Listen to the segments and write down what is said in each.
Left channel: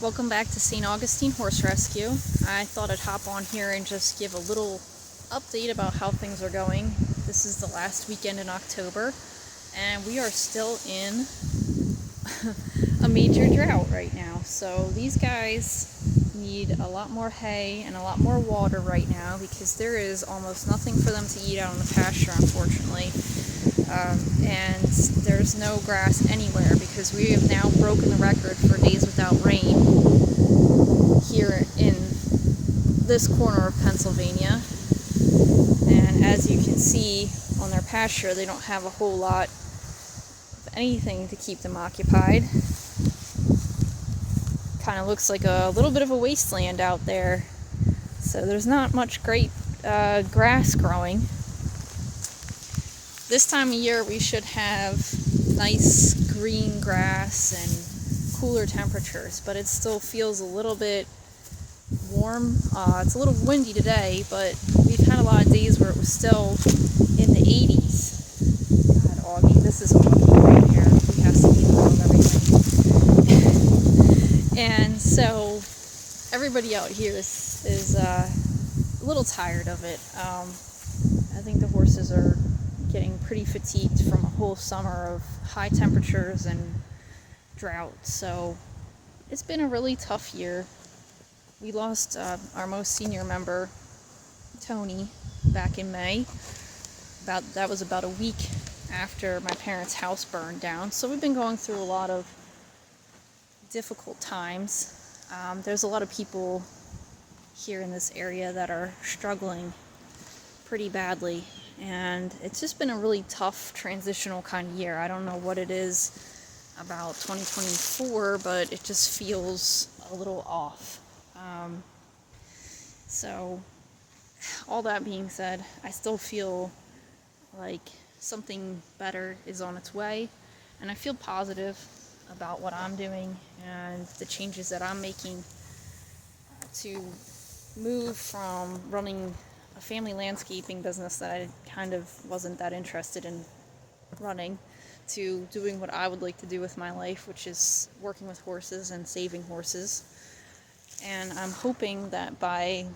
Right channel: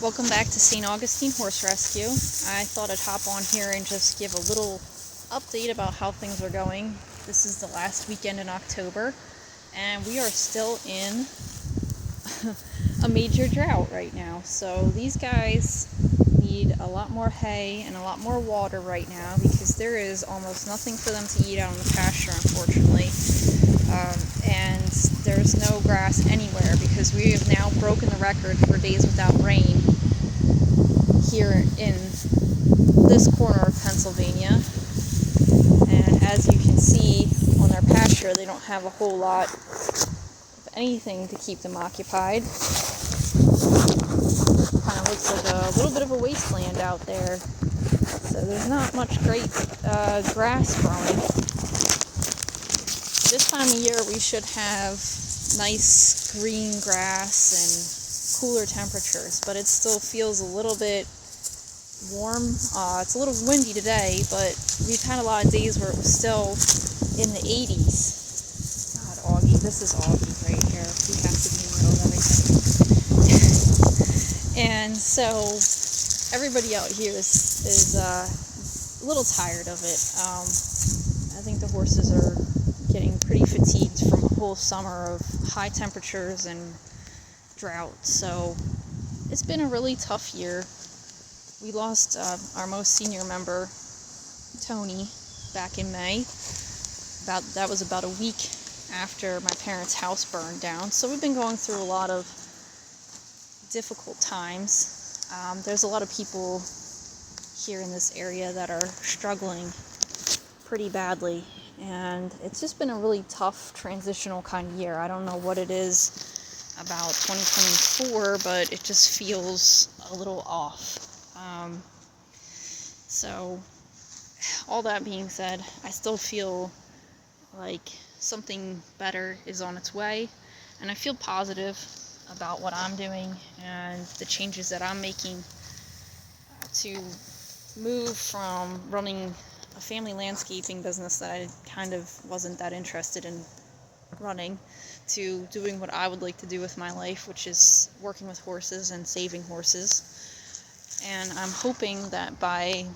Welcome back to St. Augustine Horse Rescue. I thought I'd hop on here and just give a little update about how things are going. This is the last weekend in October, and we are still in a major drought right now. So these guys need a lot more hay and a lot more water right now because there is almost nothing for them to eat out on the pasture, unfortunately. And there's no grass anywhere because we have now broken the record for days without rain here in this corner of Pennsylvania. And as you can see on their pasture, they don't have a whole lot of anything to keep them occupied. Kind of looks like a little bit of a wasteland out there. So there's not much great grass growing. This time of year we should have nice green grass and cooler temperatures, but it still feels a little bit warm. It's a little windy today, but we've had a lot of days where it was still in the 80s. God, Augie, this is Augie right here. He has to be in the middle of everything. And so everybody out here is a little tired of it. I think the horses are getting pretty fatigued from a whole summer of high temperatures and drought. So it's been a really tough year. We lost our most senior member, Tony, back in May. That was about a week after my parents' house burned down. So we've been going through a lot of difficult times. There's a lot of people here in this area that are struggling pretty badly. And it's just been a really tough transitional kind of year. I don't know what it is about 2024, but it just feels a little off. So all that being said, I still feel like something better is on its way, and I feel positive about what I'm doing and the changes that I'm making to move from running a family landscaping business that I kind of wasn't that interested in running to doing what I would like to do with my life, which is working with horses and saving horses. And I'm hoping that by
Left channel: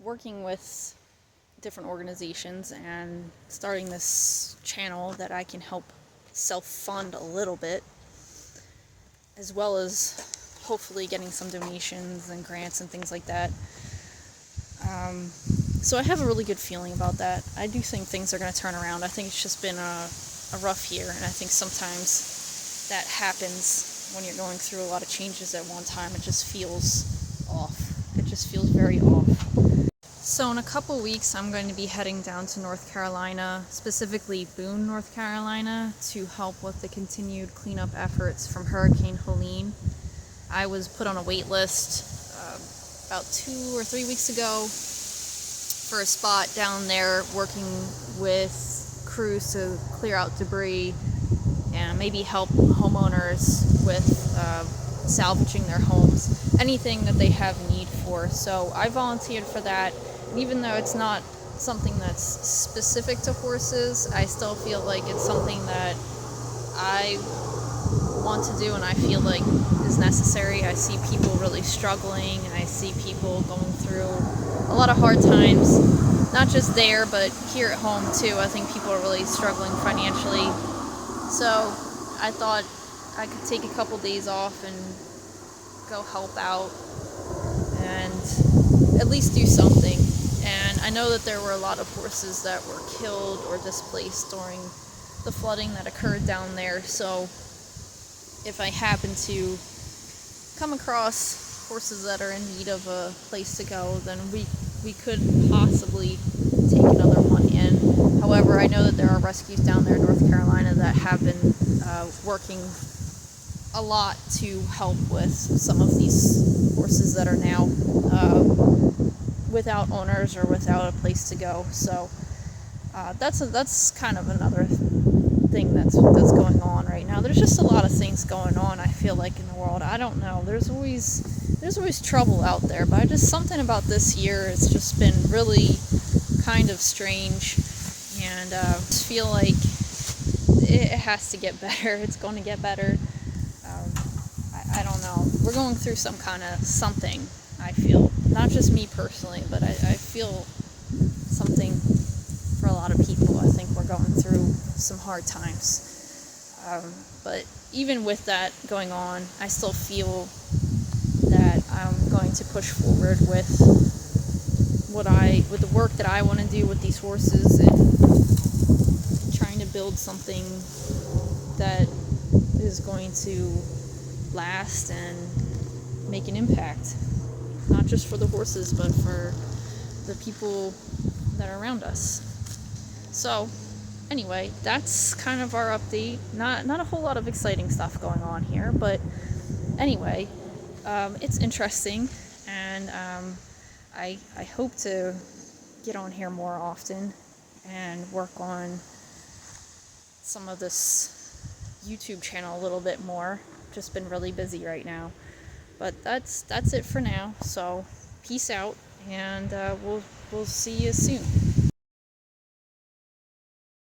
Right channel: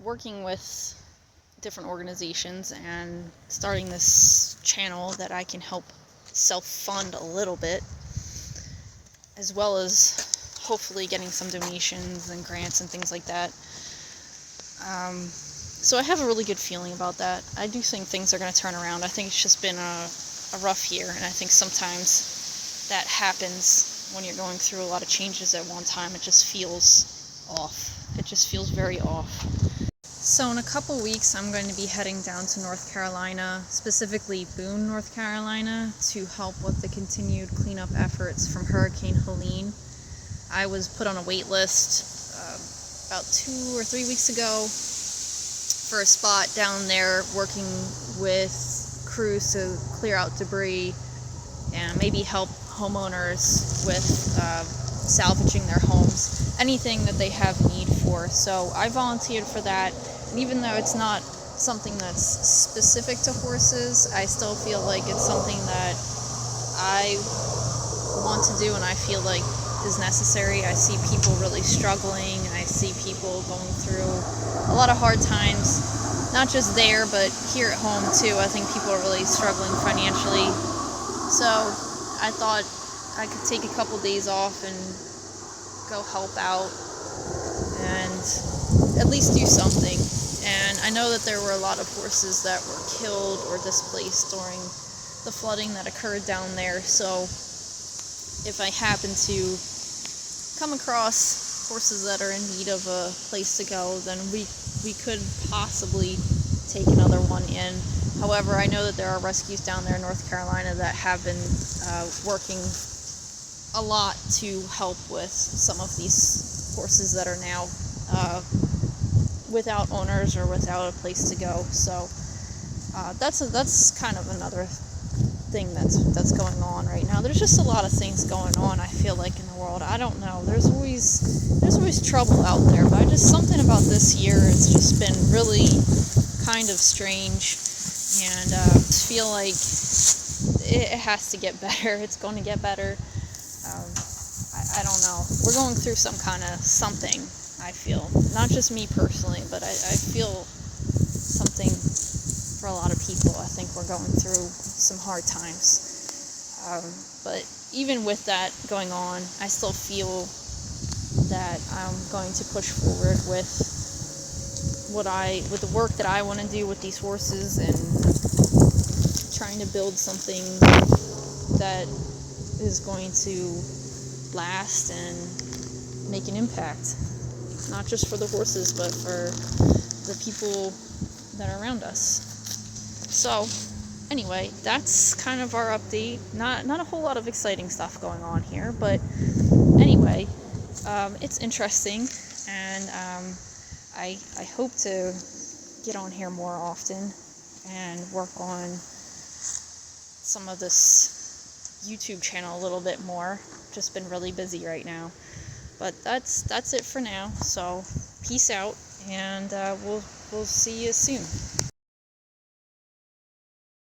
working with different organizations and starting this channel that I can help self-fund a little bit, as well as hopefully getting some donations and grants and things like that. So I have a really good feeling about that. I do think things are going to turn around. I think it's just been a rough year, and I think sometimes that happens when you're going through a lot of changes at one time. It just feels off. It just feels very off. So in a couple weeks, I'm going to be heading down to North Carolina, specifically Boone, North Carolina, to help with the continued cleanup efforts from Hurricane Helene. I was put on a wait list about 2 or 3 weeks ago for a spot down there working with crews to clear out debris and maybe help homeowners with salvaging their homes, anything that they have need for. So I volunteered for that, and even though it's not something that's specific to horses, I still feel like it's something that I want to do and I feel like is necessary. I see people really struggling. I see people going through a lot of hard times, not just there, but here at home too. I think people are really struggling financially. So I thought I could take a couple days off and go help out and at least do something. And I know that there were a lot of horses that were killed or displaced during the flooding that occurred down there. So if I happen to come across horses that are in need of a place to go, then we could possibly take another one in. However, I know that there are rescues down there in North Carolina that have been working a lot to help with some of these horses that are now without owners or without a place to go. So that's kind of another thing that's going on right now. There's just a lot of things going on, I feel like, in the world. I don't know. There's always trouble out there, but something about this year, it's just been really kind of strange, and I feel like it has to get better. It's going to get better. I don't know. We're going through some kind of something, I feel. Not just me personally, but I feel something for a lot of people. I think we're going through some hard times. But even with that going on, I still feel that I'm going to push forward with with the work that I want to do with these horses, and trying to build something that is going to last and make an impact, not just for the horses, but for the people that are around us. So anyway, that's kind of our update. Not a whole lot of exciting stuff going on here, but anyway, it's interesting, and I hope to get on here more often and work on some of this YouTube channel a little bit more. Just been really busy right now, but that's it for now. So peace out, and we'll see you soon.